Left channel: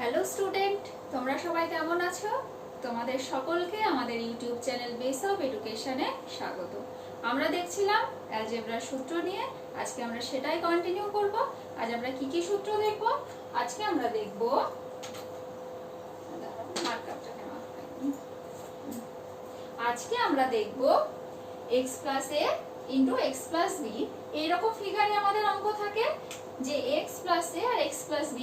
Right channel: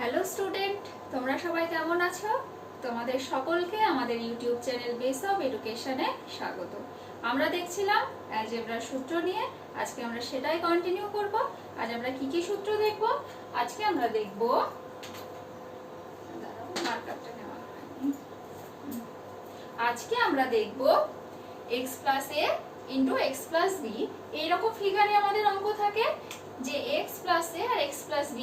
Hello student, তোমরা সবাই কেমন আছো? তোমাদের সকলকে আমাদের ইউটিউব চ্যানেল বেস অফ এডুকেশনে স্বাগত। আমরা দেখছিলাম অ্যালজেব্রার সূত্র নিয়ে। আজকে আমরা সেটাই কন্টিনিউ করব। আজ আমরা কি কি সূত্র দেখব? আজকে আমরা দেখব x plus a into x plus b। এইরকম ফিগারে আমাদের অঙ্ক থাকে যে x plus a R x plus b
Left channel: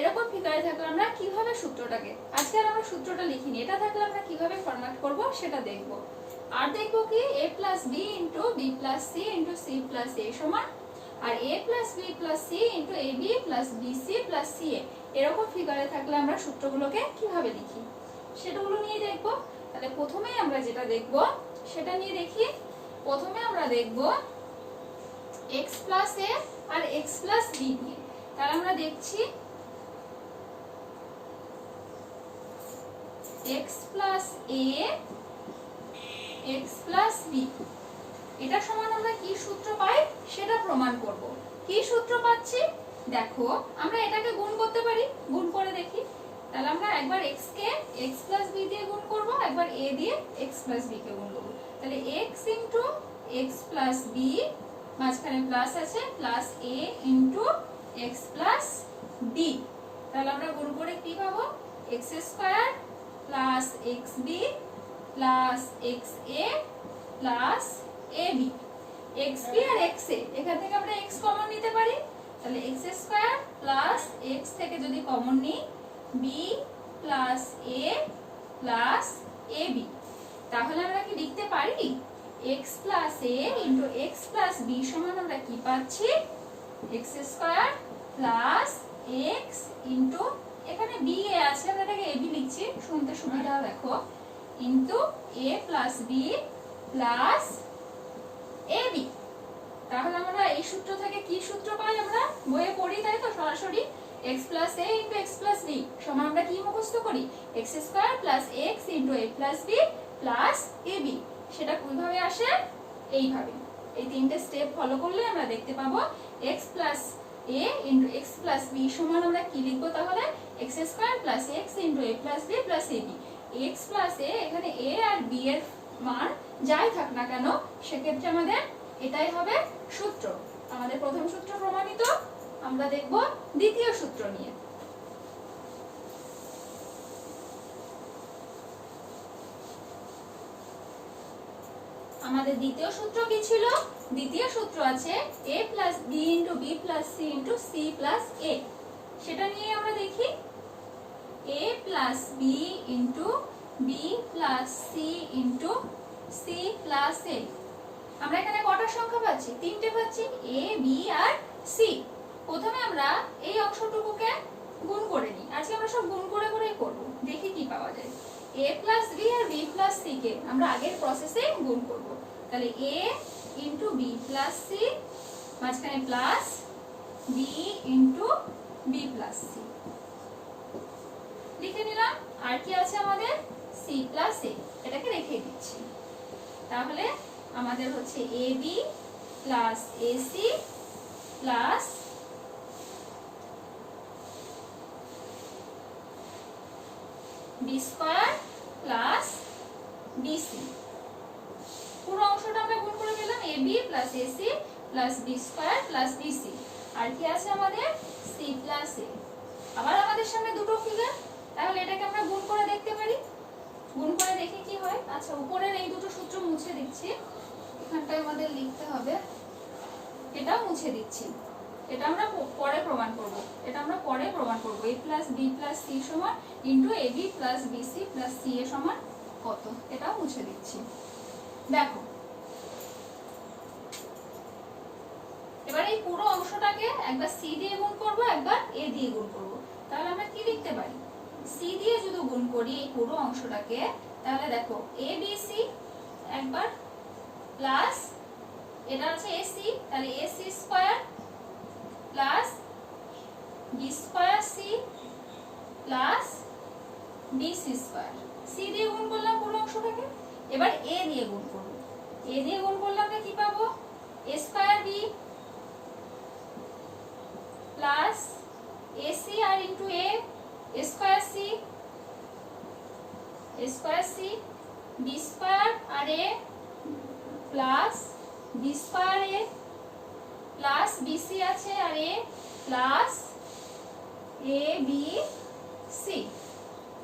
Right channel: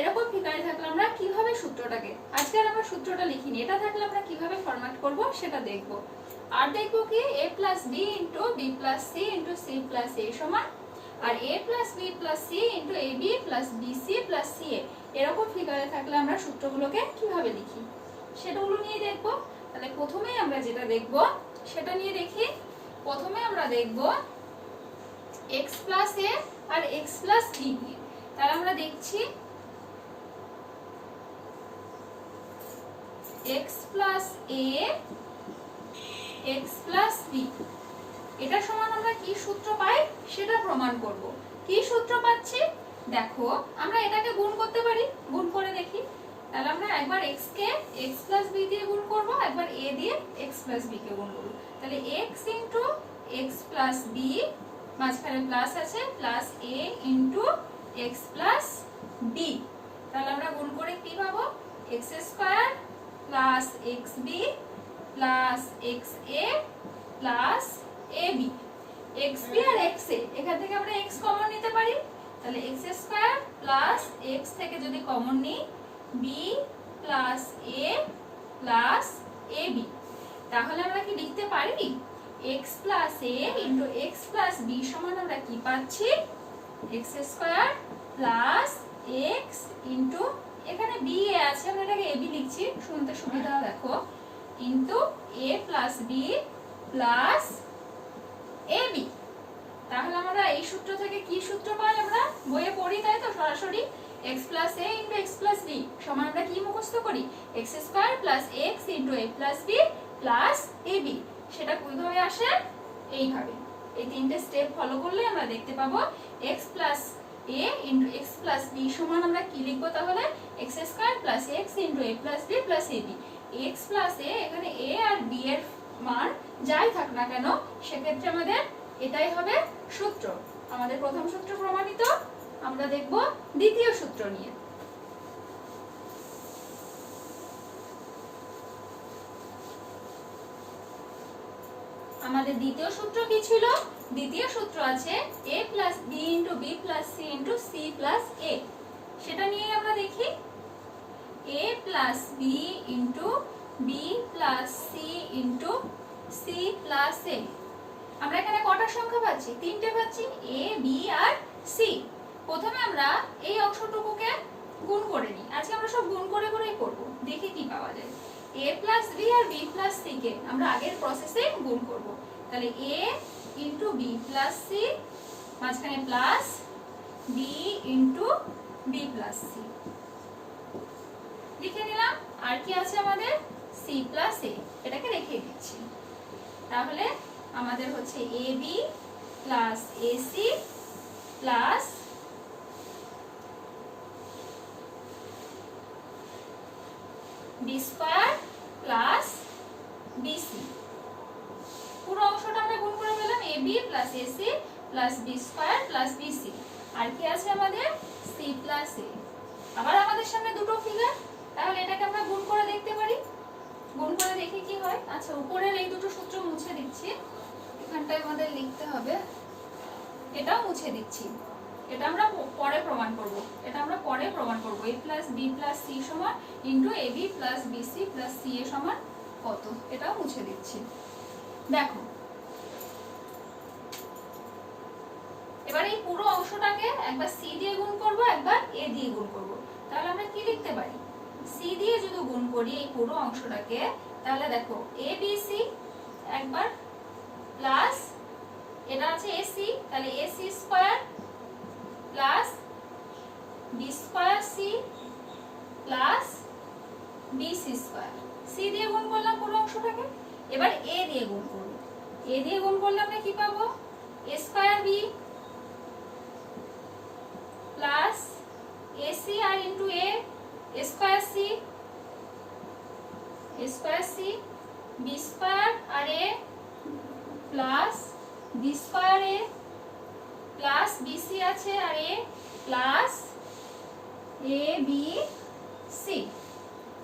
এরকম ফিগারে থাকলে আমরা কিভাবে সূত্রটাকে, আজকে আর আমরা সূত্রটা লিখিনি, এটা থাকলে আমরা কিভাবে ফরম্যাট করব সেটা দেখব। আর দেখব কি a plus b into b plus c into c plus a সমান আর a plus b plus c into ab plus bc plus ca এরকম ফিগারে থাকলে আমরা সূত্রগুলোকে কিভাবে লিখি সেটাগুলো নিয়ে দেখব। তাহলে প্রথমে আমরা যেটা দেখব সেটা নিয়ে দেখি। প্রথমে আমরা দেখব x plus a R x plus b নিয়ে। তাহলে আমরা দেখছি x plus a x plus b এটা সমান আমরা কি সূত্র পাই সেটা প্রমাণ করব। কি সূত্র পাচ্ছি দেখো, আমরা এটাকে গুণ করতে পারি, গুণ করে দেখি। তাহলে আমরা একবার x কে x plus b দিয়ে গুণ করব, একবার a দিয়ে x plus b কে গুণ করব। তাহলে x into x plus b মাঝখানে প্লাস আছে plus a into x plus b। তাহলে আমরা গুণ করে কি পাবো, x square plus xb plus xa plus ab। xb আর xa এখান থেকে আমরা x কমন নিতে পারি। তাহলে x স্কয়ার প্লাস x থেকে যদি কমন নিই b plus a plus ab। তাহলে আমরা কি লিখতে পারি x plus a into x plus b সমান আমরা কি পাচ্ছি, x square plus x into এখানে b a আছে আমরা এটাকে ab লিখছি শুনতে সুবিধা দেখো, into a plus b plus ab। তাহলে আমরা এই সূত্র থেকে কি সূত্র পাই, আমরা বইয়ে পড়ি তাই তো সরাসরি x plus a into x plus b সমান আমরা কি মুখস্থ করি, x square plus x into a plus b plus ab। সেটা কিভাবে আসে, এইভাবে এই তিনটে স্টেপ ফলো করলে আমরা দেখতে পাবো x plus a into x plus b সমান আমরা কি লিখবো, তাহলে x square plus x into a plus b plus ab। x plus a এখানে a আর b এর মান যাই থাক না কেন সেক্ষেত্রে আমাদের এটাই হবে সূত্র। আমাদের প্রথম সূত্র প্রমাণিত। আমরা দেখব দ্বিতীয় সূত্র নিয়ে। আমাদের দ্বিতীয় সূত্র কি ছিল, দ্বিতীয় সূত্র আছে a plus b into b plus c into c plus a। সেটা নিয়ে আমরা দেখি a plus b into b plus c into c plus a। আমরা এখানে কটা সংখ্যা পাচ্ছি, তিনটে পাচ্ছি, a b আর c। প্রথমে আমরা এই অংশটুকুকে গুণ করে নিই। আজকে আমরা সব গুণ করে করেই করব, দেখি কি পাওয়া যায়। a plus b R b plus c কে আমরা আগের প্রসেসে গুণ করব। তাহলে a into b plus c মাঝখানে plus b into b plus c লিখে নিলাম। আর কি আছে আমাদের c plus a, এটাকে রেখে দিচ্ছি। তাহলে আমাদের হচ্ছে ab plus ac plus b square plus bc। পুরো অংশটা আমরা গুণ করে পেলাম ab plus ac plus b square plus bc। আর কি আছে আমাদের c প্লাস a। আবার আমাদের সামনে দুটো ফিগার, তাহলে এটাকে আমরা গুণ করে দেখতে পারি। গুণ করে দেখি কি হয়। আচ্ছা, উপরের এই দুটো সূত্র মুছে দিচ্ছি, এখানটায় আমাদের লিখতে হবে, এটাও মুছে দিচ্ছি। এটা আমরা পরে প্রমাণ করব, এটা আমরা পরে প্রমাণ করব। a plus b plus c সমান into ab plus bc plus ca সমান কত, এটাও মুছে দিচ্ছি। দেখো এবার এই পুরো অংশটাকে একবার c দিয়ে গুণ করব, একবার a দিয়ে গুণ করব। তাহলে আমরা কি লিখতে পারি, c দিয়ে যদি গুণ করি এই পুরো অংশটাকে, তাহলে দেখো abc একবার প্লাস এটা আছে ac, তাহলে ac square plus b square c plus bc square. c দিয়ে গুণ করলাম পুরো অংশটাকে, এবার a দিয়ে গুণ করব। a দিয়ে গুণ করলে আমরা কি পাবো, a square b plus ac আর into a square C B square আর A plus B square A plus BC আছে আর A plus A B C.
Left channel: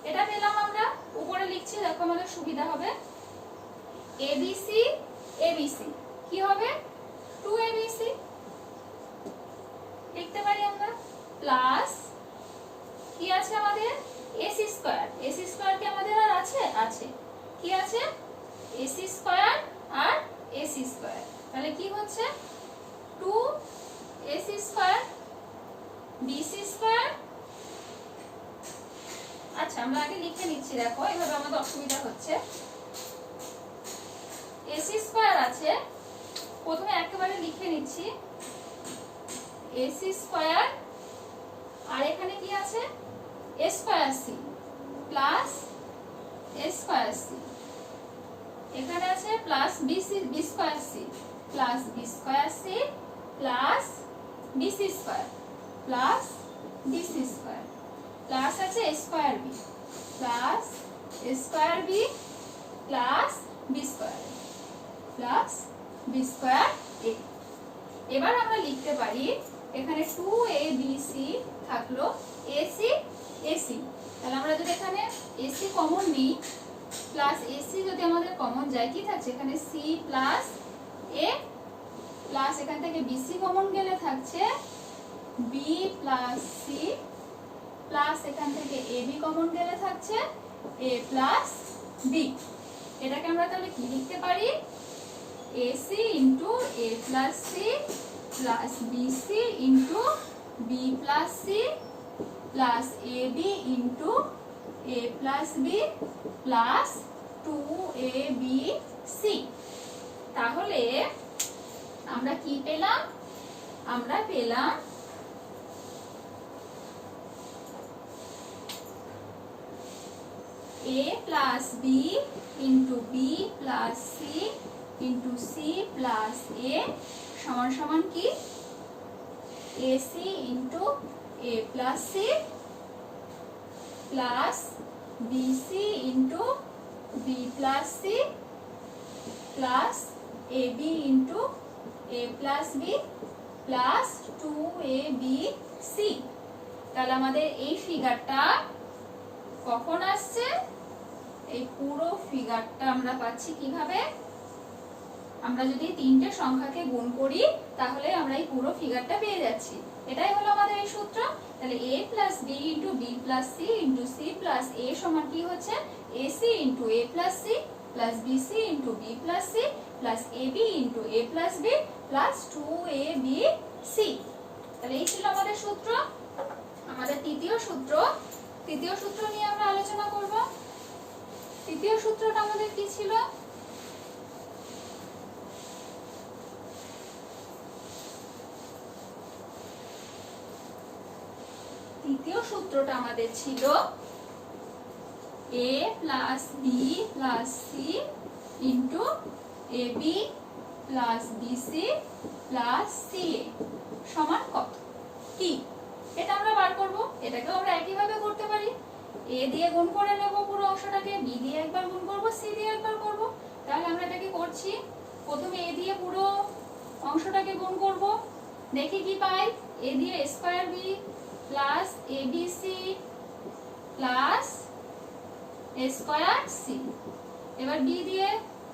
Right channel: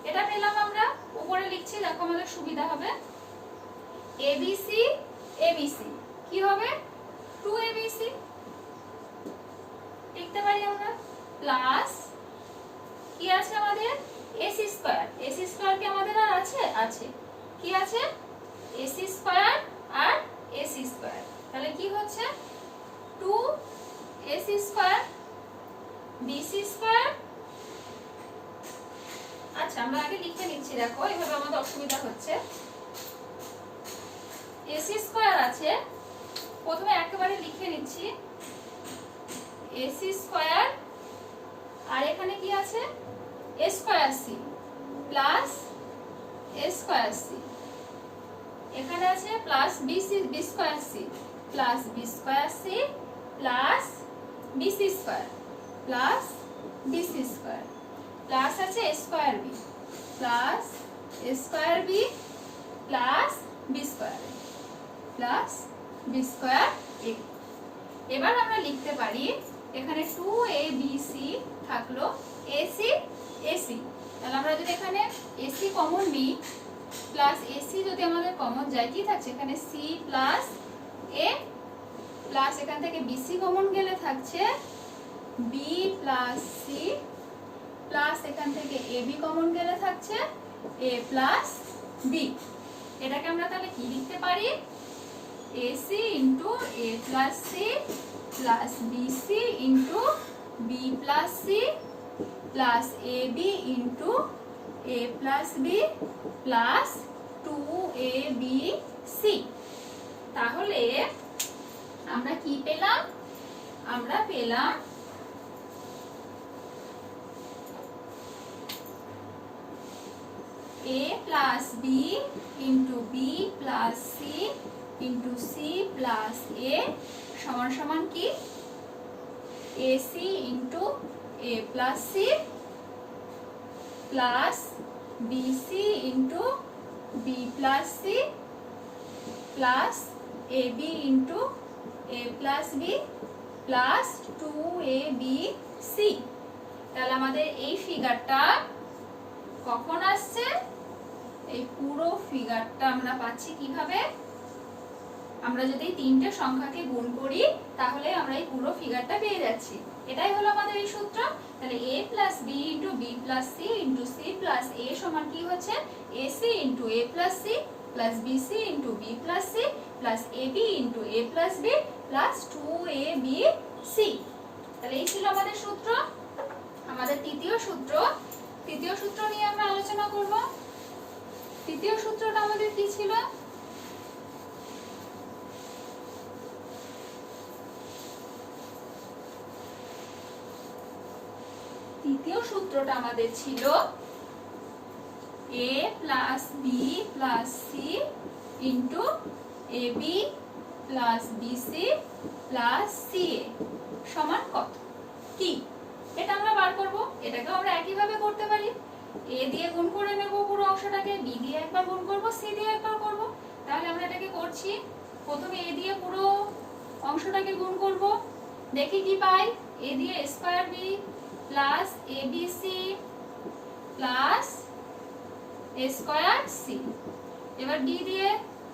এটা পেলাম আমরা, উপরে লিখছি দেখো আমাদের সুবিধা হবে। এবিসি এবিসি কি হবে 2abc লিখতে পারি আমরা, প্লাস কি আছে আমাদের এসি স্কয়ার। এসি স্কয়ার কি আমাদের আর আছে? আছে। কি আছে? এসি স্কয়ার আর এসি স্কয়ার। তাহলে কি হচ্ছে 2ac স্কয়ার বিসি স্কয়ার। আচ্ছা আমরা আগে লিখে নিচ্ছি, দেখো এভাবে আমাদের অসুবিধা হচ্ছে। এসি স্কয়ার আছে, প্রথমে একেবারে লিখে নিচ্ছি এসি স্কয়ার আর এখানে কি আছে A square C plus A square C, এখানে আছে plus BC B square C plus B square C plus BC square plus BC square plus আছে A square B plus A square B plus B square plus B square A. এবার আমরা লিখতে পারি এখানে 2abc থাকলো AC AC, তাহলে আমরা যদি এখানে এসি কমন নিই প্লাস এসি যদি আমাদের কমন যায় কি থাকছে এখানে সি প্লাস এ প্লাস এখান থেকে বিসি কমন গেলে থাকছে বি প্লাস সি প্লাস এখান থেকে এবি কমন গেলে থাকছে এ প্লাস বি। এটাকে আমরা তাহলে কি লিখতে পারি AC into A plus C plus BC into B plus C plus AB into A plus B plus 2abc। তাহলে আমরা কি পেলাম? আমরা পেলাম a plus B into B plus C into C plus A সমান সমান কি AC into A plus C plus BC into B plus C plus AB into A plus B plus 2abc। তাহলে আমাদের এই ফিগারটা কখন আসছে? এই পুরো ফিগারটা আমরা পাচ্ছি কিভাবে? আমরা যদি তিনটে সংখ্যাকে গুণ করি তাহলে আমরা এই পুরো ফিগারটা পেয়ে যাচ্ছি। এটাই হলো আমাদের এই সূত্র। তাহলে a plus b into B plus C into C plus A সমান কি হচ্ছে AC into A plus C plus BC into B plus C plus AB into A plus B plus 2abc। তাহলে এই ছিল আমাদের সূত্র। আমাদের তৃতীয় সূত্র নিয়ে আমরা আলোচনা করব। তৃতীয় সূত্রটা আমাদের কি ছিল? তৃতীয় সূত্রটা আমাদের ছিল a plus B plus C into AB plus BC plus C A সমান কত? কি এটা আমরা বার করব। এটাকেও আমরা একইভাবে করতে পারি, a দিয়ে গুণ করে নেব পুরো অংশটাকে, b দিয়ে একবার গুণ করব, c দিয়ে একবার করব। তাহলে আমরা এটাকে করছি, প্রথমে a দিয়ে পুরো অংশটাকে গুণ করব, দেখি কি পাই। a দিয়ে a square b plus abc plus a square c। এবার b দিয়ে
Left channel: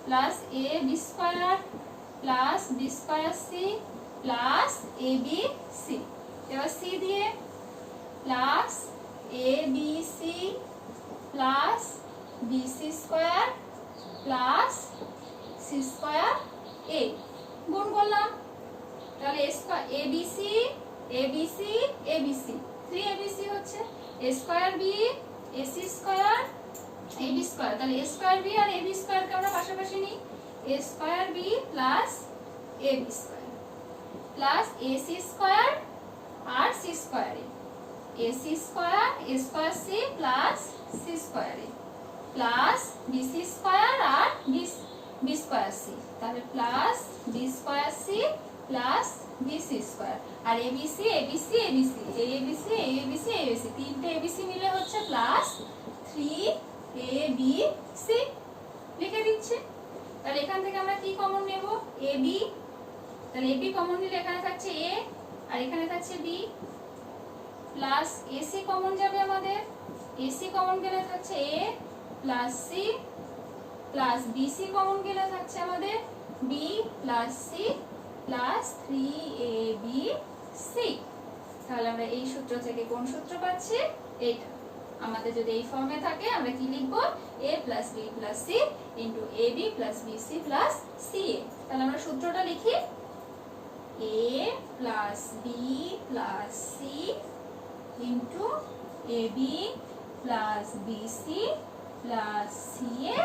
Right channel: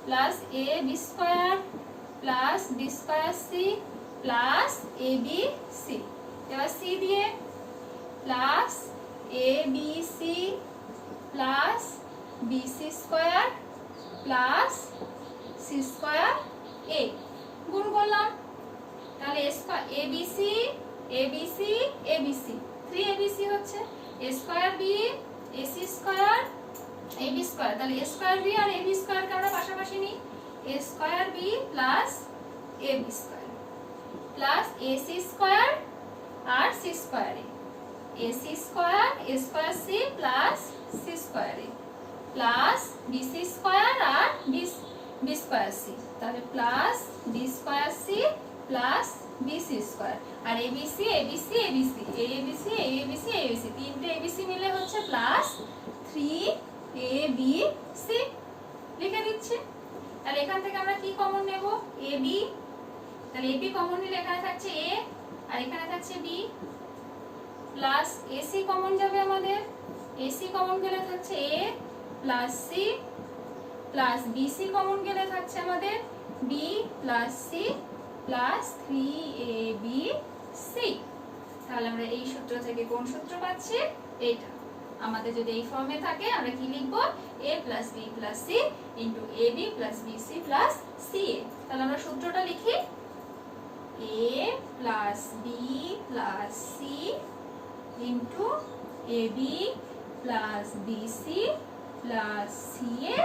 plus a b square plus b square c plus abc। এবার c দিয়ে plus abc plus bc square plus c square a গুণ করলাম। তাহলে abc abc abc 3abc হচ্ছে a square b ac square ab square. তাহলে a square b আর ab স্কয়ারকে আমরা পাশাপাশি নিই, a square b plus ab square plus ac square আর c square a, ac square a square c plus c square a plus bc square আর b square c। তাহলে plus b square c plus BC square. আর ABC ABC ABC ABC ABC ABC তিনটে ABC মিলে হচ্ছে plus 3abc লিখে দিচ্ছি। তাহলে এখান থেকে আমরা কি কমন নেব? এবি। তাহলে এবি কমন নিলে এখানে থাকছে এ আর এখানে থাকছে বি, প্লাস এসি কমন যাবে আমাদের, এসি কমন গেলে থাকছে A plus C, plus BC common গেলে থাকছে আমাদের B plus C plus 3abc। তাহলে আমরা এই সূত্র থেকে কোন সূত্র পাচ্ছি? এইটা। আমাদের যদি এই ফর্মে থাকে আমরা কি লিখবো? a plus B plus C into A B plus B C plus C A. তাহলে আমরা সূত্রটা লিখি, a plus B plus C into A B plus B C plus C A.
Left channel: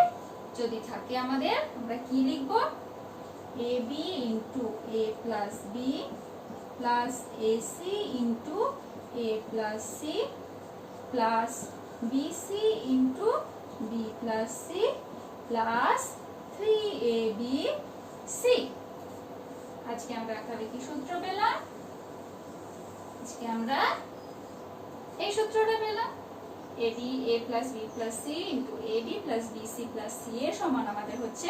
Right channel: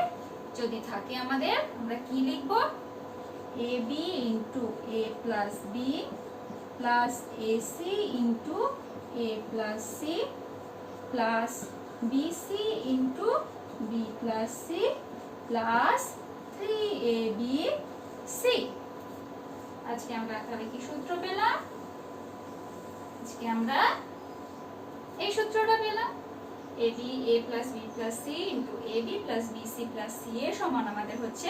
যদি থাকে আমাদের আমরা কি লিখবো? A B into A plus B plus A C into A plus C plus B C into B plus C plus 3abc। আজকে আমরা তাহলে কি সূত্র পেলাম? আজকে আমরা এই সূত্রটা পেলাম, ab a plus B plus C into A B plus B C plus C A সমান আমাদের হচ্ছে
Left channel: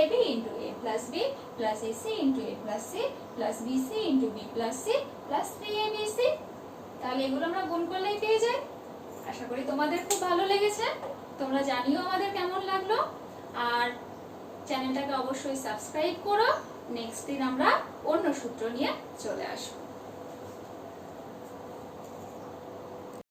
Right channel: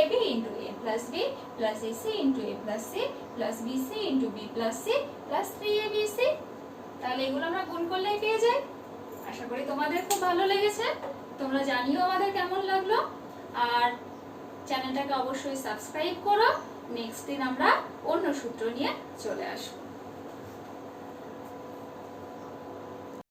ab into A plus B plus A C into A plus C plus B C into B plus C plus 3abc। তাহলে এগুলো আমরা গুণ করলেই পেয়ে যাই। আশা করি তোমাদের খুব ভালো লেগেছে। তোমরা জানিও আমাদের কেমন লাগলো, আর চ্যানেলটাকে অবশ্যই সাবস্ক্রাইব করো। নেক্সট দিন আমরা অন্য সূত্র নিয়ে চলে আসবো।